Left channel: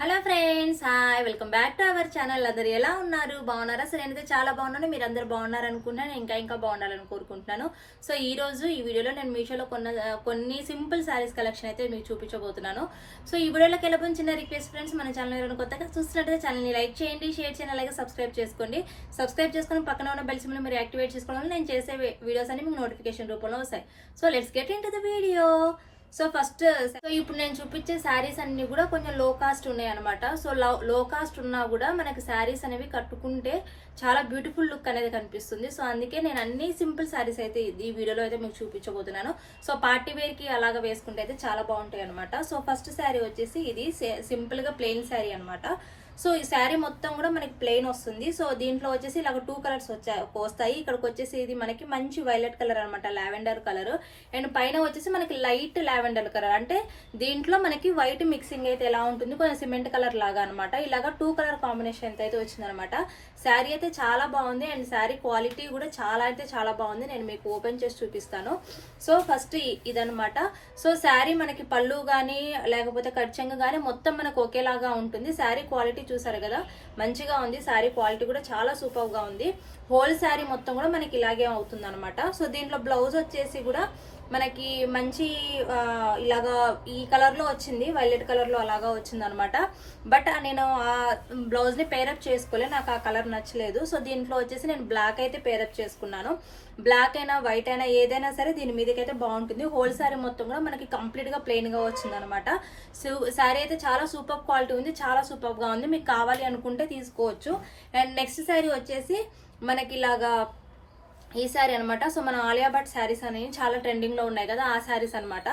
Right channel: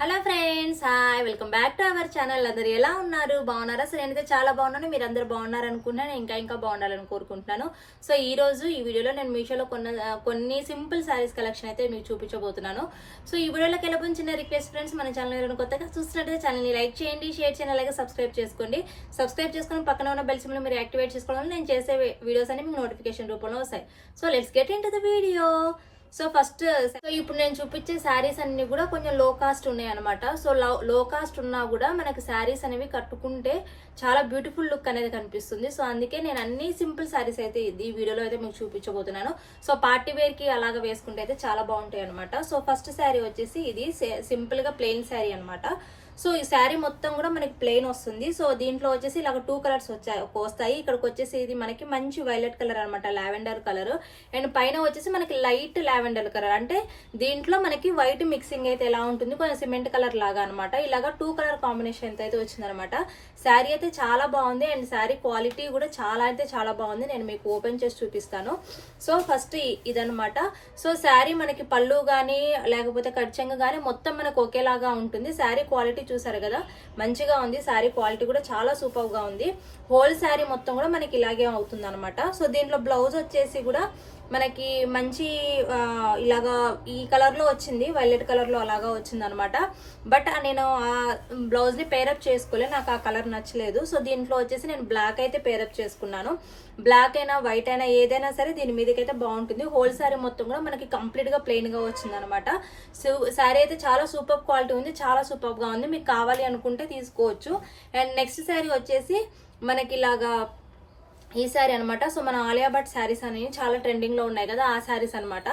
Hello friends hi welcome back to our channel అందరు ఎలా ఉన్నారు? బాగున్నారా? సరే నేనైతే చాలా బాగున్నాను. మీరు అందరు బాగున్నారనుకున్నాను ఇంకా ఇంకా బాగుండాలని కోరుకుంటున్నాను. సో ఈ రోజు ఈ వీడియోలో నేను మీషోలో కొన్న కొన్ని సింపుల్ శారీస్ కలెక్షన్ అయితే మీకు చూపించబోతున్నాను. సో ఈ వీడియోలోకి వెళ్ళబోయిన చిన్న రిక్వెస్ట్ ఫ్రెండ్స్ మన ఛానల్ ఎవరైనా కొత్తగా చూస్తున్నట్లయితే ఛానల్ని లైక్ చేయండి షేర్ చేయండి అలాగే సబ్స్క్రైబ్ చేసుకోండి. సబ్స్క్రైబ్ చేసుకొని పక్కన ఉన్న బెల్ సింబల్ మీరు యాక్టివేట్ చేసుకోవడం నేను చేసే వీడియోస్ అన్ని మీకు నోటిఫికేషన్ రూపంలో వస్తాయి. So let's get into the video so first so ఇప్పుడు నేను చూపించే శారీస్ అన్ని కూడా కొంచెం లో కాస్ట్ ఉన్నాయి అనమాట సో లో కాస్ట్ ఉన్నా కూడా మనకి శారీస్ అనేవి కట్టుకుంటే చాలా బ్యూటిఫుల్ లుక్ అనేది కనిపిస్తుంది. సో అందుకే నేను అన్ని సింపుల్ శారీస్ అయితే ఈ వీడియోలో అయితే మీకు చూపించబోతున్నాను. సో పార్టీ వేర్కి అలాగ అలాగా వేసుకుంటే అయితే చాలా బాగుంటాయి అనమాట సో ఫస్ట్ శారీ వచ్చేసి ఇది సింపుల్గా ప్లెయిన్ శారీ అనమాట సో ఈ శారీ మొత్తం కూడా మనకి ప్లెయిన్ వస్తుంది. సో దీంట్లో వచ్చేసి ఇలాగ టూ కలర్స్ వచ్చాయి వస్తాయి. ఇక్కడికి వచ్చేసి ఇది మనకి మంచి వైలెట్ కలర్ అనమాట లావెండర్ కలర్ అండ్ పైన వచ్చేసి మనకి లైట్ లావెండర్ కలర్ అంటే దీంట్లో మనకి వైట్ మిక్సింగ్ అయితే ఎలా ఉంటుంది? కొంచెం సిమెంట్ కలర్ లాగా అనమాట ఇలాగా టూ కలర్ కాంబినేషన్ అయితే వచ్చిందనమాట శారీ అయితే చాలా బాగుంది అండ్ శారీ క్వాలిటీ కూడా చాలా అయితే చాలా బాగుంది. నేను మీకు ఓపెన్ చేసి చూపిస్తాను. సో ఫస్ట్ ఇదనమాట సో శారీ మనకి పళ్ళు కానీ లేకపోతే కడ్చంగ్ కానీ మొత్తం మనకు ఒకేలాగా ఉంటుంది. శారీ క్వాలిటీ చూసారు కదా? మంచిగా ఉంది. శారీ క్వాలిటీ కూడా చాలా సూపర్గా ఉంది. హోల్ శారీ మొత్తం కూడా మనకి ఇలాగే అవుతుంది అనమాట సో దీంట్లో బ్లౌజ్ వచ్చేసి కూడా మనకి మంచి ఇలాగా ఈ కలర్లో వచ్చింది వైలెట్ కలర్లో అలాగా వచ్చింది అనమాట బట్ నేను ఆ బ్లౌజ్ని పేరప్ చేసుకోలే నాకు ఆ కలర్ నచ్చలేదు. సో దీంట్లో వచ్చేసి నేను బ్లాక్ అయితే పేరప్ చేసుకున్నాను. బ్లాక్ అయినా వైట్ అయినా ఏదైనా సరే దీని మీదకైతే బాగుంటుంది. హోల్ శారీ మొత్తం కూడా మనకి కంప్లీట్గా ప్లెయిన్గా వచ్చిందనమాట గా వచ్చింది అనమాట శారీ అయితే చాలా సూపర్ క్వాలిటీ ఉంది చాలా సూపర్గా ఉంది. మీకు కావాలి అనుకుంటే తీసుకోవచ్చు. అండ్ నెక్స్ట్ శారీ వచ్చేసి మనకి ఇలాగా ఈ శారీ అనమాట సో మన ఆలియా భట్ శారీస్ అనేవి చాలా ట్రెండింగ్లో ఉన్నాయి కదా ఆ శారీస్ అనమాట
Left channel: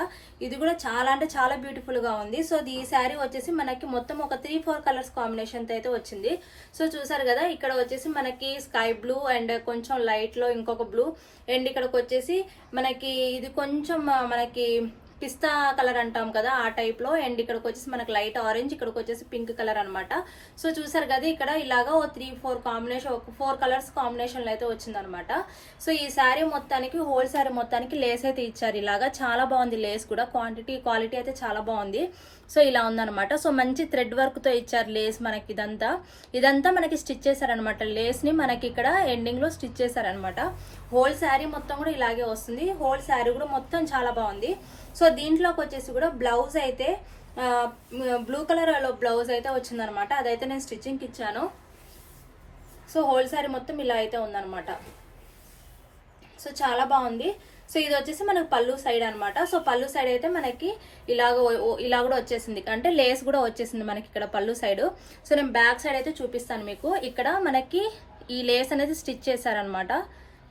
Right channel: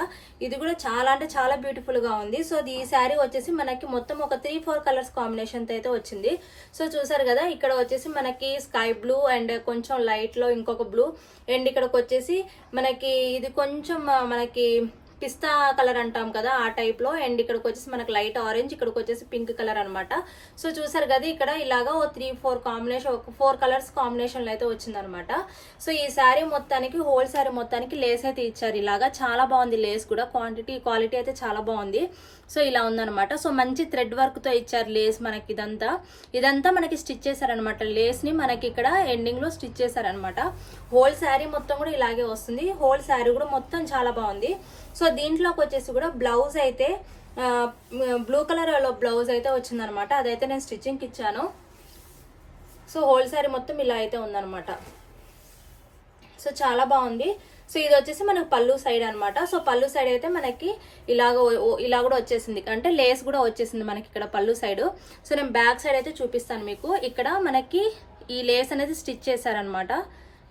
ఇది కూడా చాలా అంటే చాలా బ్యూటిఫుల్గా ఉంది. సో ఈ శారీ వచ్చేసి మనకి మొత్తం ఒక త్రీ ఫోర్ కలర్స్ కాంబినేషన్తో అయితే వచ్చింది. సో చూసారు కదా ఇక్కడ వచ్చేసి మనకి స్కై బ్లూ అండ్ కొంచెం లైట్లో ఇంకొక బ్లూ. అండ్ ఇక్కడికి వచ్చేసి మనకి ఇది కొంచెం మనకి పిస్తా కలర్ అంటాం కదా ఆ టైప్లో అండ్ ఇక్కడికి వచ్చేసి మనకి లైట్ ఆరెంజ్ ఇక్కడికి వచ్చేసి పింక్ కలర్ అనమాట సో చూసారు కదా ఇక్కడ ఇలాగా ఓ త్రీ ఫోర్ కాంబినేషన్ ఒక ఫోర్ కలర్స్ కాంబినేషన్లో అయితే వచ్చిందనమాట సో ఈ శారీ మొత్తానికి హోల్ శారీ మొత్తానికి లేస్ అయితే ఇచ్చారు ఇలాగా. చాలా బాగుంది లేస్ కూడా. క్వాంటిటీ క్వాలిటీ అయితే చాలా బాగుంది. సో ఇలా ఉందన్నమాట. సో మంచి థ్రెడ్ వర్క్తో ఇచ్చారు లేస్ మనకి ఇదంతా. ఇదంతా మనకి స్టిచ్ చేశారనమాట లేస్ని మనకి ఇక్కడ ఎండింగ్లో స్టిచ్ చేశారనమాట హోల్ శారీ మొత్తం కూడా ఇలాగే వస్తుంది. హోల్ శారీ కూడా మొత్తం చాలా బాగుంది. సో దీంట్లోకి వచ్చేసి కూడా బ్లౌజ్ అయితే బ్లూ కలర్లో బ్లౌజ్ అయితే వచ్చిందనమాట. అదైతే నేను స్టిచ్చింగ్ ఇచ్చాను. సో హోల్ శారీ మొత్తం ఇలా అయితే ఉందనమాట. సో చాలా బాగుంది. సో ఇది వచ్చేసి మనకు పళ్ళు సైడ్ అనమాట. సో పళ్ళు సైడ్ అయితే మనకి ఇలాగ ఇలా కూడా వచ్చేసింది. అంటే లేస్ కూడా వచ్చేసింది మనకి ఇక్కడ పళ్ళు సైడ్. సో నేను బ్యాక్ సైడ్ అయితే చూపిస్తాను మీకు. ఇక్కడ మనకి ఈ లేస్ అనేది స్టిచ్ చేశారనమాట.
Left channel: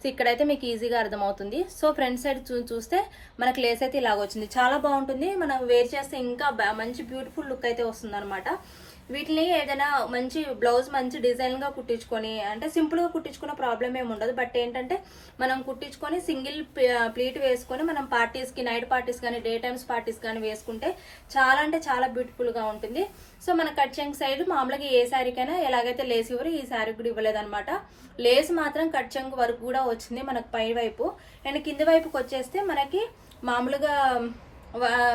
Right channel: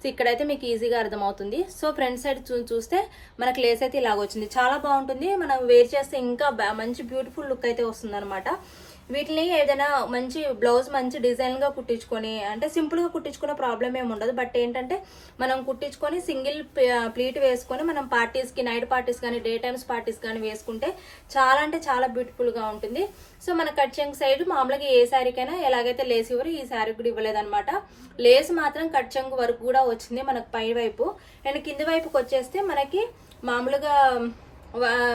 సో ఇక్కడైతే మీకు ఈజీగా అర్థమవుతుంది. సో ఫ్రంట్ సైడ్ చూ చూస్తే మనకి లేస్ అయితే ఇలాగ వచ్చింది. చాలా బాగుంటుంది. మనం వేర్ చేస్తే ఇంకా మంచి బ్యూటిఫుల్ లుక్ అయితే వస్తుంది వీటిని ఏదైనా మంచి బ్లౌజ్ మంచి డిజైన్గా కుట్టించుకొని అంటే సింపుల్గా కుట్టించుకున్న ప్రాబ్లం ఏమి ఉండదు. బట్ ఏంటంటే మనం కుట్టించుకొని సింగిల్ ప్లీట్ వేసుకొని మనం పార్టీస్కి నైట్ పార్టీస్ కానీ డే టైమ్స్ పార్టీస్ కానీ వేసుకుంటే చాలా అంటే చాలా బ్యూటిఫుల్గా ఉంటుంది. సో మన కట్చంగ్ సైడ్ మామూలుగా ఏ శారీకైనా ఎలాగైతే లేస్ ఇవ్వరు ఈ శారీ కూడా ఇవ్వలేదన్నమాట. లేస్ మాత్రం కట్చెంగ్ వరకు కూడా వచ్చింది మనకు పై వైపు. అండ్ కింది వైపుకి వచ్చేస్తే మనకి మామూలుగా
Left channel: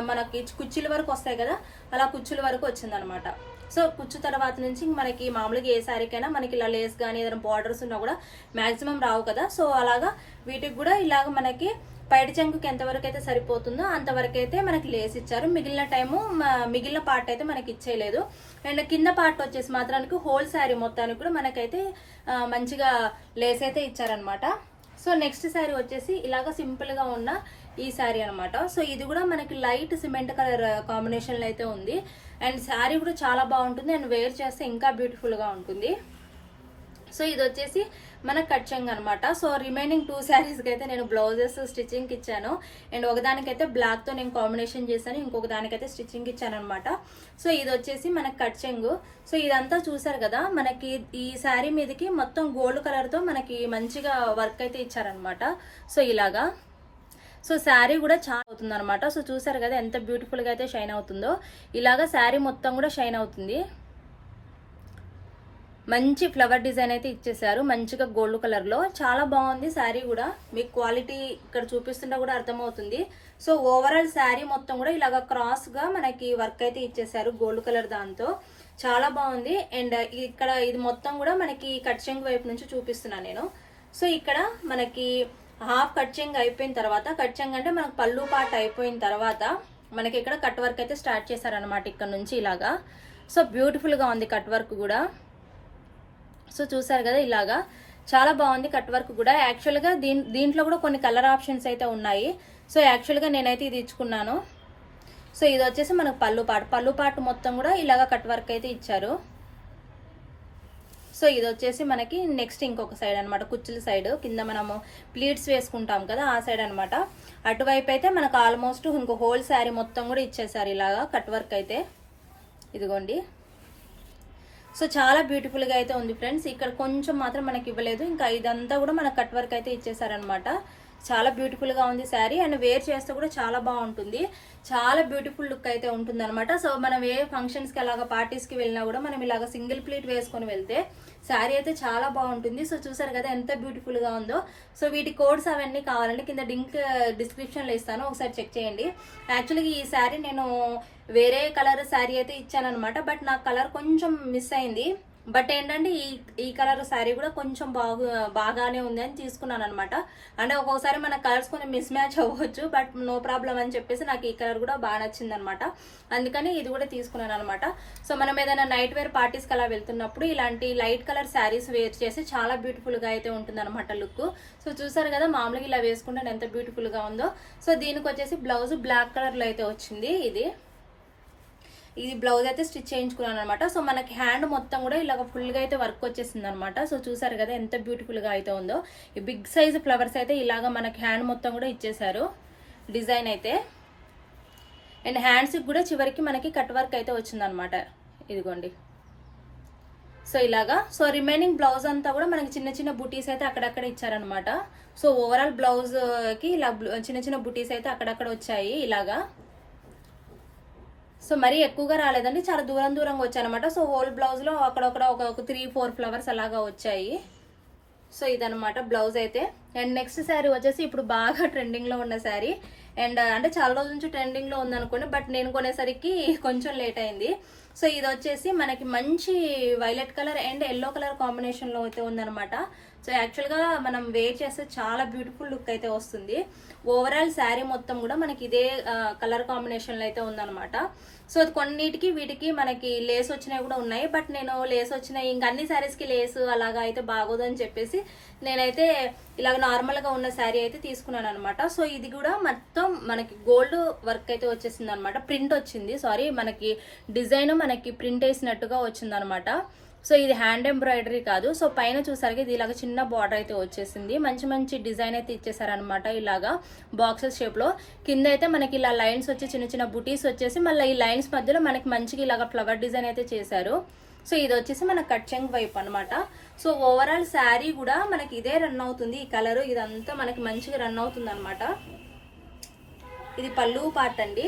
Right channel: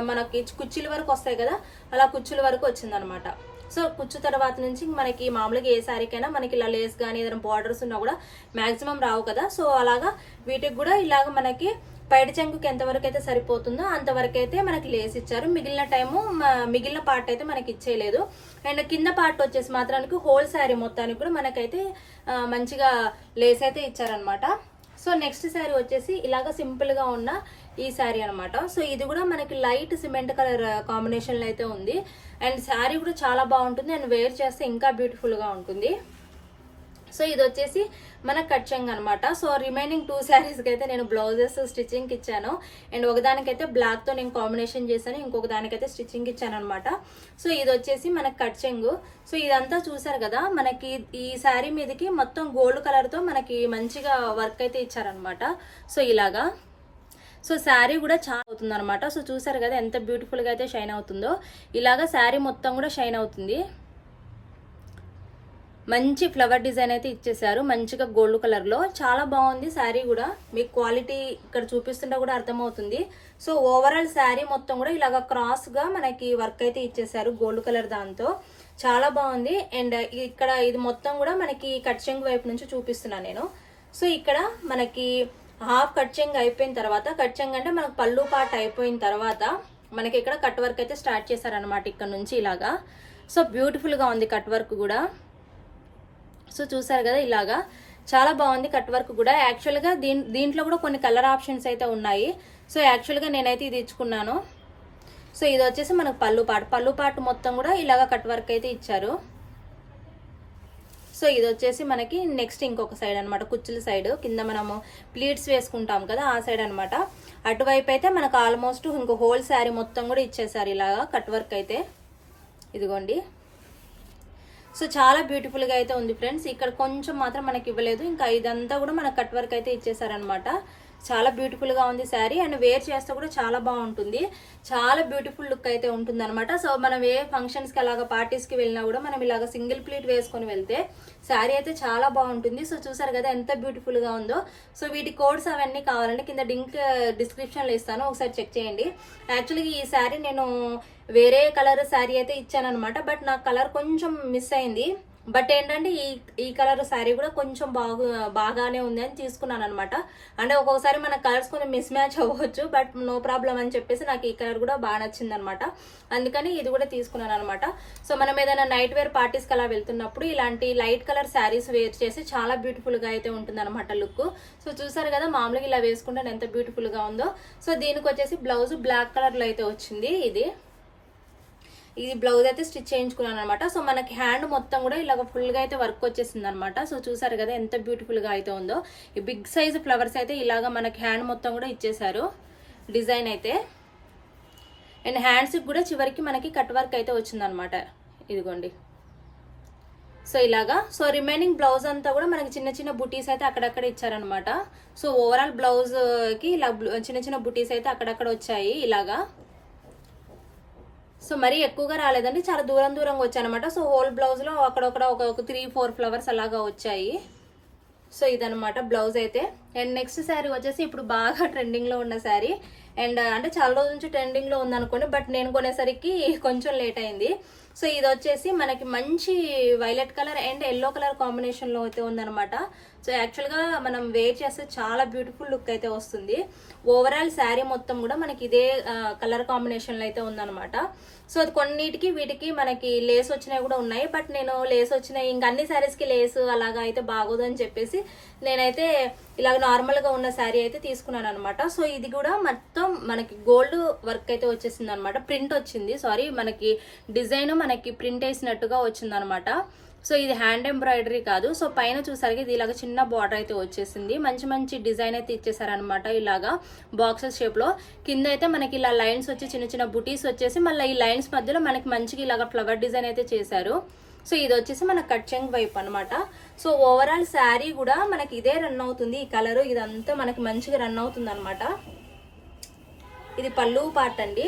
మనకి కుర్చీల వరకు వస్తాయి కదా అలా కుర్చీల వరకు వచ్చిందనమాట సో కుచ్చు తర్వాత నుంచి మనకి మామూలుగా ఏ శారీకైనా మనకి ఇలా లేస్ కానీ ఏదైనా బార్డర్స్ ఉన్నా కూడా మాక్సిమం రావు కదా. సో అలాగా వీటికి కూడా ఇలాగ మనకి పైడి చెంగుకి ఎంతవరకు అయితే సరిపోతుందో అంతవరకు అయితే మనకి లేస్ ఇచ్చారు. మిగిలిన టైము మిగిలిన పార్ట్ అయితే మనకి ఇచ్చేయలేదు. అండ్ కింద పార్ట్ వచ్చేసి మాత్రానికి హోల్ శారీ మొత్తానికి కూడా మనకైతే మంచిగా లేస్ అయితే ఇచ్చారనమాట సో నెక్స్ట్ శారీ వచ్చేసి ఇలాగ సింపుల్గా ఉన్న ఈ శారీ అనమాట సో ఇది కూడా మనకి లైట్ సిమెంట్ కలర్ కాంబినేషన్లో అయితే ఉంది. అండ్ శారీ కూడా చాలా బాగుంటుంది. అండ్ వేర్ చేస్తే ఇంకా బ్యూటిఫుల్గా ఉంటుంది. సో ఇది వచ్చేసి మన కట్చింగ్ అనమాట సో రిమైనింగ్ టూ శారీస్కి అయితే నేను బ్లౌజెస్ స్టిచ్చింగ్ ఇచ్చాను. అండ్ ఒకదానికైతే బ్లాక్తో నేను కాంబినేషన్ చేశాను. ఇంకొక దానికైతే స్టిచ్చింగ్ ఇచ్చాను అనమాట సో ఇది వచ్చేసి మనకి కట్చింగ్ సో ఇదంతా చూసారు కదా మనకి ఈ శారీ మీదకి మొత్తం గోల్డ్ కలర్తో మనకి మంచిగా వర్క్ అయితే ఇచ్చారనమాట సో ఇలాగా. సో శారీ కూడా చాలా అవుతుంది అనమాట సో చూసారు కదా ఎంత బ్యూటిఫుల్గా అయితే షైన్ అవుతుందో. ఇలాగా శారీ మొత్తం కూడా షైన్ అవుతుంది. మంచి ఫ్లవర్ డిజైన్ అయితే ఇచ్చేసారు మంచిగా గోల్డ్ కలర్లో చాలా బాగుంది శారీ కూడా. మీకు క్వాలిటీ ఇక్కడ చూపిస్తుంటే కూడా అర్థమవుతుంది. సో ఓవరాల్ శారీ మొత్తం కూడా ఇలాగ క్రాస్గా మనకి వర్క్ అయితే ఇచ్చేసారు గోల్డ్ కలర్ దాంతో. చాలా బాగుంది. అండ్ ఇక్కడ ఇది మొత్తం కూడా మనకి కట్ చెంగు వైపు నుంచి చూపిస్తున్నాను నేను. సో ఇక్కడ మనకి హాఫ్ కట్ చెంగ్ అయిపోయిన తర్వాత కట్ చెంగ్ అంటే మనకు పళ్ళు పాట అయిపోయిన తర్వాత మనకి ఇక్కడ కట్ వర్క్ అయితే స్టార్ట్ చేశారనమాట ఇక్కడ నుంచి ఇలాగా. సో బ్యూటిఫుల్గా ఉంది కట్ వర్క్ కూడా. సో చూసారు కదా ఇలాగా. చాలా బాగుంది కట్ వర్క్ కూడా. యాక్చువల్గా దీని దీంట్లో కూడా కొన్ని కలర్ ఆప్షన్స్ అయితే ఉన్నాయి. సో యాక్చువల్గా నేనైతే ఇది ఇచ్చుకున్నాను. సో ఇది వచ్చేసి మనకు పళ్ళు పాటు పళ్ళు పాటు మొత్తం కూడా ఇలాగ కట్ వర్క్ అయితే ఇచ్చారు. సో ఇది వచ్చేసి మనకి నెక్స్ట్ ఇంకొక సైడ్ అనమాట కుచ్చుల సైడ్. కింద మనము ప్లీట్స్ వేసుకుంటాం కదా ఆ సైడ్ అనమాట అటువైపు అయితే మనకు ఆల్మోస్ట్ ఇంకో హోల్ శారీ మొత్తం కూడా ఇచ్చేసారు ఇలాగా కట్ వర్క్ అయితే. ఇదిగోండి. సో చాలా బ్యూటిఫుల్గా అయితే ఉంది ఫ్రెండ్స్. ఇక్కడ కొంచెం మాత్రం మనకి ఇవ్వలేదు. ఇంకా ఇదంతా కూడా మనకు కట్ వర్క్ అయితే ఇచ్చేసారనమాట చాలా బ్యూటిఫుల్గా ఉంది శారీ అండ్ వేర్ చేస్తే కూడా చాలా బాగుంటుంది. చాలా బ్యూటిఫుల్ లుక్ అయితే ఉంటుంది అనమాట సో మనం ఏ ఫంక్షన్స్కి అలాగా పార్టీస్కి వెళ్ళినా కూడా మనం ఇలాగ సింగిల్ ప్లేట్ వేసుకొని వెళ్తే శారీ అయితే చాలా బాగుంటుంది. సో చూసారు కదా ఎంత బ్యూటిఫుల్గా ఉందో. సో వీటి కోడ్స్ అవన్నీ కావాలంటే కింద లింక్ డిస్క్రిప్షన్లో ఇస్తాను. ఒకసారి చెక్ చేయండి. యాక్చువల్గా ఈ శారీ నేను వేరే కలర్ శారీ అయితే ఇచ్చాను అనమాట బట్ నాకు కలర్ కొంచెం మిస్ అయింది. బట్ ఏంటంటే ఈ ఈ కలర్ శారీ కూడా కొంచెం బాగు బాగానే ఉంది అని తీసుకున్నాను అనమాట అంటే ఒక్కొక్కసారి మన కలర్స్ కొంచెం మిస్ మ్యాచ్ అవ్వచ్చు బట్ నో ప్రాబ్లం అని చెప్పేసి నాకు ఈ కలర్ కూడా బాగా నచ్చింది అనమాట అందుకని ఇది కూడా తీసుకున్నాను అనమాట సో మనం ఏదైనా నైట్ వేర్ పార్టీస్కి అలా వెళ్తున్నప్పుడు ఇలాంటి లైట్ కలర్ శారీస్ వేర్ చేసి చాలా బ్యూటిఫుల్గా అయితే ఉంటుంది అనమాట లుక్. సో చూసారు కదా మామూలుగా ఇలా వేసుకుంటే ఎంత బ్యూటిఫుల్గా ఉందో. సో దీనికి వచ్చేసి బ్లౌజ్ బ్లాక్ కలర్లో అయితే వచ్చింది ఇది. ఇది బ్లౌజ్ అయితే స్టిచ్ చేయించుకున్నాను అనమాట సో మనకి హ్యాండ్ మొత్తం కూడా ఇలాగ ఫుల్గా అయితే వర్క్ వచ్చేసింది అనమాట సో చూసారు కదా ఎంత బ్యూటిఫుల్గా అయితే ఉందో. ఈ బిగ్ సైజ్ ఫ్లవర్స్ అయితే ఇలాగ మనకి హ్యాండ్ మొత్తం కూడా ఇచ్చేసారు డిజైన్ అయితే. అండ్ హ్యాండ్స్కి కూడా చివరికి మనకి కట్ వర్క్ అయితే వచ్చిందనమాట ఇదిగోండి. సో ఇలాగా. సో రిమైనింగ్ బ్లౌజ్ అంతా కూడా మనకి చిన్న చిన్న బుటీస్ అయితే అక్కడక్కడ ఇచ్చారనమాట సో ఓవరాల్ బ్లౌజ్కి ఇలా చిన్న చిన్న బుటీస్ అయితే అక్కడక్కడ వచ్చాయి ఇలాగా. సో మరీ ఎక్కువగా రాలేదండి చాలా దూరం దూరంగా వచ్చాయనమాట సో హోల్ బ్లౌజ్లో అక్కడక్కడ ఒక ఒక త్రీ ఫోర్ ఫ్లవర్స్ అలాగా వచ్చాయి. సో ఇదనమాట బ్లౌజ్ అయితే. అండ్ నెక్స్ట్ శారీ వచ్చేసి ఇప్పుడు బాగా ట్రెండింగ్లో ఉన్న శారీ. అండ్ అంటే చాలా రోజుల నుంచి ట్రెండింగ్లో ఉందనుకోండి బట్ నేను కొనేసరికి కొంచెం లేట్ అయింది. సో ఇది వచ్చేసి మనకి మంచి violet colour and yellow colour కాంబినేషన్లో అయితే ఉందనమాట సో యాక్చువల్గా మనం వేర్ చేస్తే చాలా బ్యూటిఫుల్ లుక్ అయితే వస్తుంది. ఓవరాల్ శారీ మొత్తం కూడా మనకి ఇదే కలర్ కాంబినేషన్లో అయితే ఉందనమాట సో అది కొన్నిటికి వీటికి మనకి లేస్ వచ్చినవి కూడా ఉన్నాయి. బట్ నేను లేస్ వచ్చినాయి ఇంక అన్ని శారీస్కి లేస్ అలాగా అయితే బాగోదు అని చెప్పేసి నేనైతే ఇలాగ నార్మల్గా ఉన్న శారీ అయితే తీసుకున్నాను అనమాట సో ఇది కూడా మొత్తం మనకి గోల్డ్ వర్క్ అయితే వచ్చేసింది అనమాట ప్రింట్ వచ్చింది. సారీ మనకి డిజైన్ మనకి ప్రింట్ వేసినట్టుగా వచ్చింది అనమాట సో ఇది హ్యాండ్ ఎంబ్రాయిడరీ కాదు. సో పైన చూసరికి ఇది ఇలాగ చిన్న బార్డర్ అయితే వచ్చేసింది. మంచి మంచి డిజైన్ అయితే ఇచ్చేసారనమాట ఇలాగా బాక్సెస్ షేప్లో. కింద అయితే మనకి ఇలా లైన్స్ వచ్చి చిన్న చిన్న బుటీస్ వచ్చేసి మళ్ళీ ఈ లైన్స్ మధ్యలో మనకి మంచిగా ఇలాగ ఫ్లవర్ డిజైన్ అయితే చేశారు. సో ఇది వచ్చేసి మన కట్చెంగ్ వైపు అనమాట సో ఓవరాల్ శారీ కూడా మనకి ఇదే రన్ అవుతుంది. ఈ కలర్ ఇదంతా మనకి మంచిగా రన్ అవుతుంది అనమాట ఇది పళ్ళు పార్ట్ అండి.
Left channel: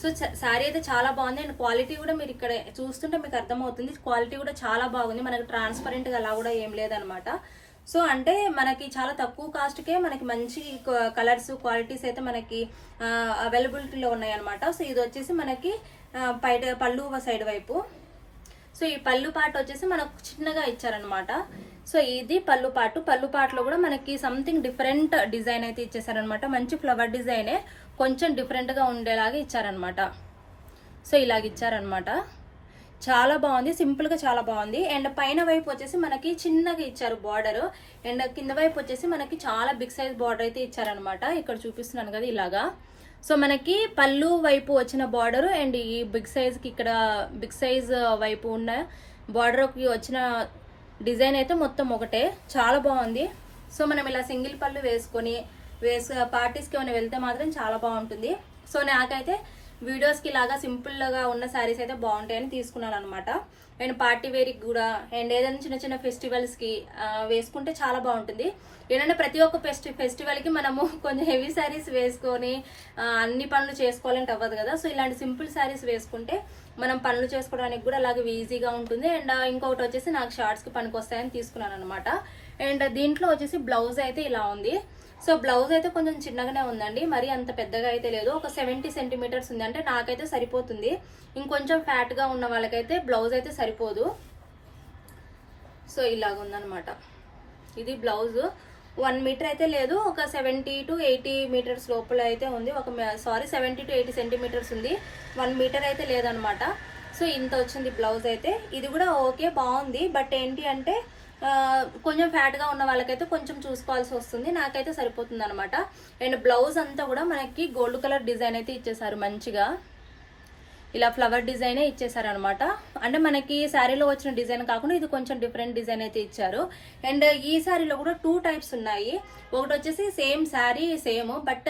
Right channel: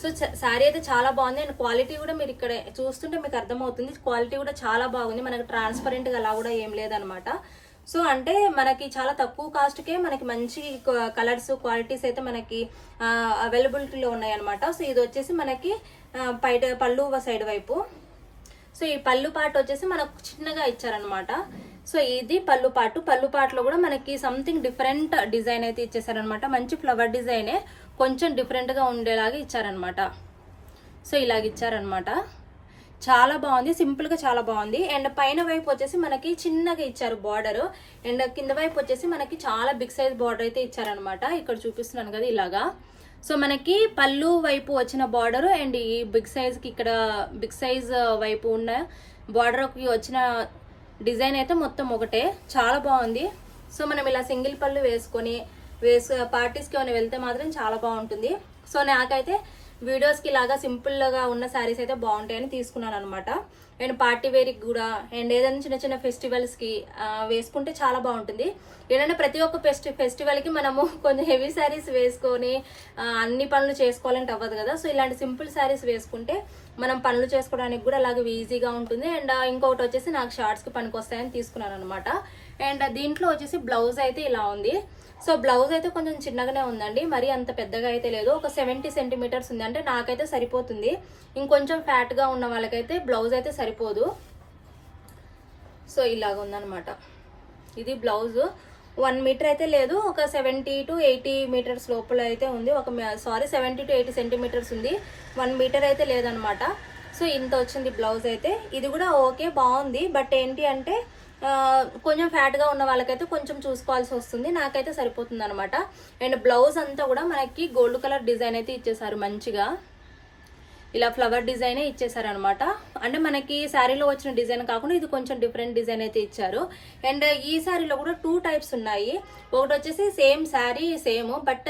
సో శారీ అయితే చాలా బాగుంది. అండ్ క్వాలిటీ కూడా మీరు ఇక్కడ చూస్తుంటే మీకు అర్థమవుతుంది. క్వాలిటీ కూడా చాలా బాగుంది. మనకి ట్రాన్స్పరెంట్గా అలా కూడా ఏం లేదనమాట సో అంటే మనకి చాలా తక్కువ కాస్ట్కే మనకి మంచి కలర్స్ క్వాలిటీస్ అయితే మనకి అవైలబిలిటీలో ఉన్నాయన్నమాట. సో ఇది వచ్చేసి మనకి పైట పళ్ళు సైడ్ వైపు. సో ఈ పళ్ళు పాట వచ్చేసి మనకు చిన్నగా ఇచ్చారనమాట సో ఇది పళ్ళు పాటు. పళ్ళు పాటలో కూడా మనకి సంథింగ్ డిఫరెంట్ డిజైన్ అయితే ఇచ్చేసారనమాట మంచి ఫ్లవర్ డిజైనే కొంచెం డిఫరెంట్గా ఉండేలాగా ఇచ్చారనమాట సో ఇలాగ ఇచ్చారనమాట చాలా బాగుంది. సింపుల్గా చాలా బాగుంది. అండ్ పైన వైపు వచ్చేసి మనకి చిన్నగా ఇచ్చారు బార్డర్ అండ్ కింద వైపు వచ్చేసి మనకి చాలా బిగ్ సైజ్ బార్డర్ అయితే ఇచ్చారనమాట ఇక్కడ చూపిస్తున్నాను కదా ఇలాగా. సో మనకి పళ్ళు వైపు వచ్చిన బార్డర్ అండ్ ఈ బిగ్ సైజ్కి ఇక్కడ బిగ్ సైజ్ uh, వైపు ఉన్న బార్డర్కి వచ్చిన డిజైన్ అయితే మొత్తం ఒకటే. చాలా బాగుంది. సో మనం ఇలా సింగిల్ పళ్ళు వేసుకొని వేసు పార్టీస్కి ఏమైనా వెళ్తే మాత్రం చాలా బాగుంటుంది. సో నాకైతే వీడియోస్కి ఇలాగా సింపుల్గా ఉన్న శారీస్ అయితే బాగుంటాయని తీసుకున్నాను అనమాట అండ్ పార్టీ వేర్కి కూడా అండ్ ఏదైనా చిన్న చిన్న ఫెస్టివల్స్కి వేసుకుంటే చాలా బాగుంటుంది. ఏంటంటే ప్రతి ఒక్క ఫెస్టి ఫెస్టివల్కి మనము కొంచెం హెవీ శారీస్ వేసుకొని అన్ని పనులు చేసుకోవాలంటే అవ్వదు కదా. సో ఇలాంటి సింపుల్ శారీస్ వేసుకుంటే మనం పనులు చేసుకోవడానికి కూడా అలాగే ఈజీగా ఉంటుంది. అండ్ ఇంకొకటి వచ్చేసి నాకు షార్ట్స్కి పనికి వస్తాయని తీసుకున్నాను అనమాట అండ్ దీంట్లో వచ్చేసి బ్లౌజ్ అయితే ఇలా ఉంది. సో బ్లౌజ్ అయితే కొంచెం చిన్నగానే ఉందండి. మరి అంత పెద్దగా అయితే లేదు. ఒక సెవెంటీ సెంటీమీటర్స్ ఉంది. అంటే నాకైతే సరిపోతుంది. ఇంకొంచెం ఫ్యాట్గా ఉన్న వాళ్ళకైతే బ్లౌజ్ అయితే సరిపోదు. సో ఇలాగ ఉందన్నమాట. ఇది బ్లౌజ్. వన్ మీటర్ అయితే లేదు. ఒక సెవెంటీ టు ఎయిటీ మీటర్స్ లోపల అయితే ఉంది. ఒక sari seventy to eighty centimetres ఉంది. వన్ మీటర్ అయితే లేదనమాట సో ఇంత వచ్చింది బ్లౌజ్ అయితే. ఇది కూడా ఓకే బాగుంది. బట్ ఏంటి అంటే కొంచెం ఫ్యాట్గా ఉన్న వాళ్ళకైతే కొంచెం చూసుకోవాల్సి వస్తుంది. నాకైతే సరిపోతుంది అనమాట అండ్ బ్లౌజ్ అంతా కూడా మనకి గోల్డ్ కలర్ డిజైన్ అయితే ఇచ్చేసారు మంచిగా. ఇలా ఫ్లవర్ డిజైనే ఇచ్చేసారు అనమాట అంటే మనకి శారీలో వచ్చిన డిజైన్ కాకుండా ఇది కొంచెం డిఫరెంట్ డిజైన్ అయితే ఇచ్చారు. అండ్ ఈ శారీలో కూడా టూ టైప్స్ ఉన్నాయి. ఒకటి వచ్చేసి సేమ్ శారీ సేమ్ బట్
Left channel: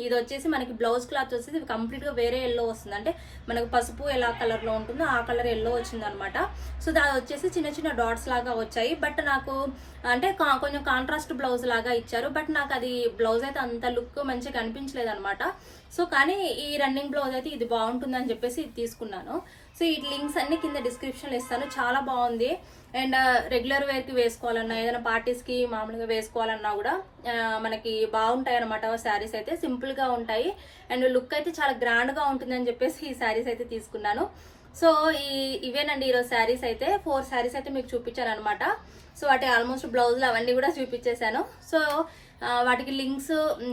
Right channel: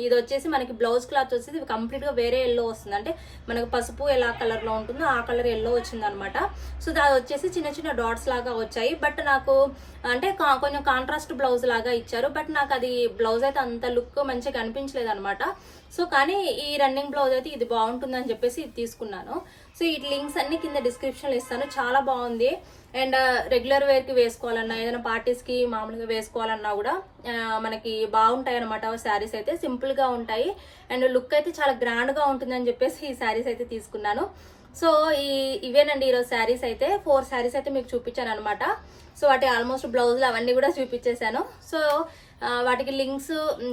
ఇది వచ్చేసి మనకి బ్లౌజ్ క్లాత్ వచ్చేసి కంప్లీట్గా వేరే ఎల్లో వస్తుంది. అంటే మనకు పసుపు ఎలా కలర్లో ఉంటుందో ఆ కలర్ ఎల్లో వచ్చింది అనమాట సో అది వచ్చేసి చిన్న చిన్న డాట్స్ లాగా వచ్చాయి. బట్ నాకు అంటే కా- కొంచెం కాంట్రాస్ట్ బ్లౌజ్ లాగా ఇచ్చారు. బట్ నాకు అది బ్లౌజ్ అయితే అంత లుక్ మంచిగా కనిపించలేదు అనమాట సో కానీ ఈ రన్నింగ్ బ్లౌజ్ అయితే ఇది బాగుంటుంది అని చెప్పేసి ఇది తీసుకున్నాను. సో ఈ లింక్స్ అన్ని కింద డిస్క్రిప్షన్లో ఇస్తాను. చాలా బాగుంది. అండ్ రెగ్యులర్ వేర్కి వేసుకోవాలన్నా ఏదైనా పార్టీస్కి మామూలుగా వేసుకోవాలన్నా కూడా మనకి బాగుంటాయి అనమాట శారీస్ అయితే. సింపుల్గా ఉంటాయి. అండ్ లుక్ అయితే చాలా గ్రాండ్గా ఉంటుంది అని చెప్పేసి ఈ శారీస్ అయితే తీసుకున్నాను. సో ఈ ఇవేనండి ఈరోజు శారీస్ అయితే. ఫోర్ శారీస్ అయితే మీకు చూపించాను అనమాట సో వాటి ఆల్మోస్ట్ బ్లౌజులు అవన్నీ కూడా చూపించేశాను. సో వాటికి లింక్స్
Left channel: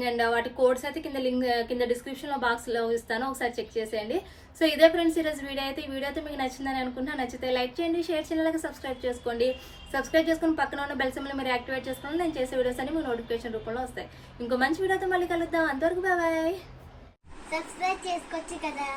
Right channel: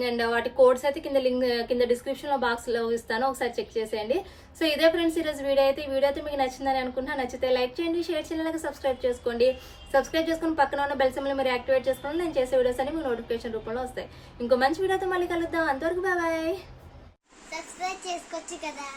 అండ్ వాటి కోడ్స్ అయితే కింద లింక్ కింద డిస్క్రిప్షన్లో బాక్స్లో ఇస్తాను. ఒకసారి చెక్ చేసేయండి. సో ఇదే ఫ్రెండ్స్ ఈరోజు వీడియో అయితే. ఈ వీడియో అయితే మీకు నచ్చిందని అనుకుంటున్నా. నచ్చితే లైక్ చేయండి షేర్ చేయాలి సబ్స్క్రైబ్ చేసుకోండి. సబ్స్క్రైబ్ చేసుకుని పక్కన ఉన్న బెల్ సింబల్ మీరు యాక్టివేట్ చేసుకోండి నేను చేసే వీడియోస్ అన్ని మీకు నోటిఫికేషన్ రూపంలో వస్తాయి. ఇంకో మంచి వీడియోతో మళ్ళీ కలుద్దాం. అంతవరకు బాయ్ సబ్స్క్రైబ్ చేసుకోవచ్చు కదా.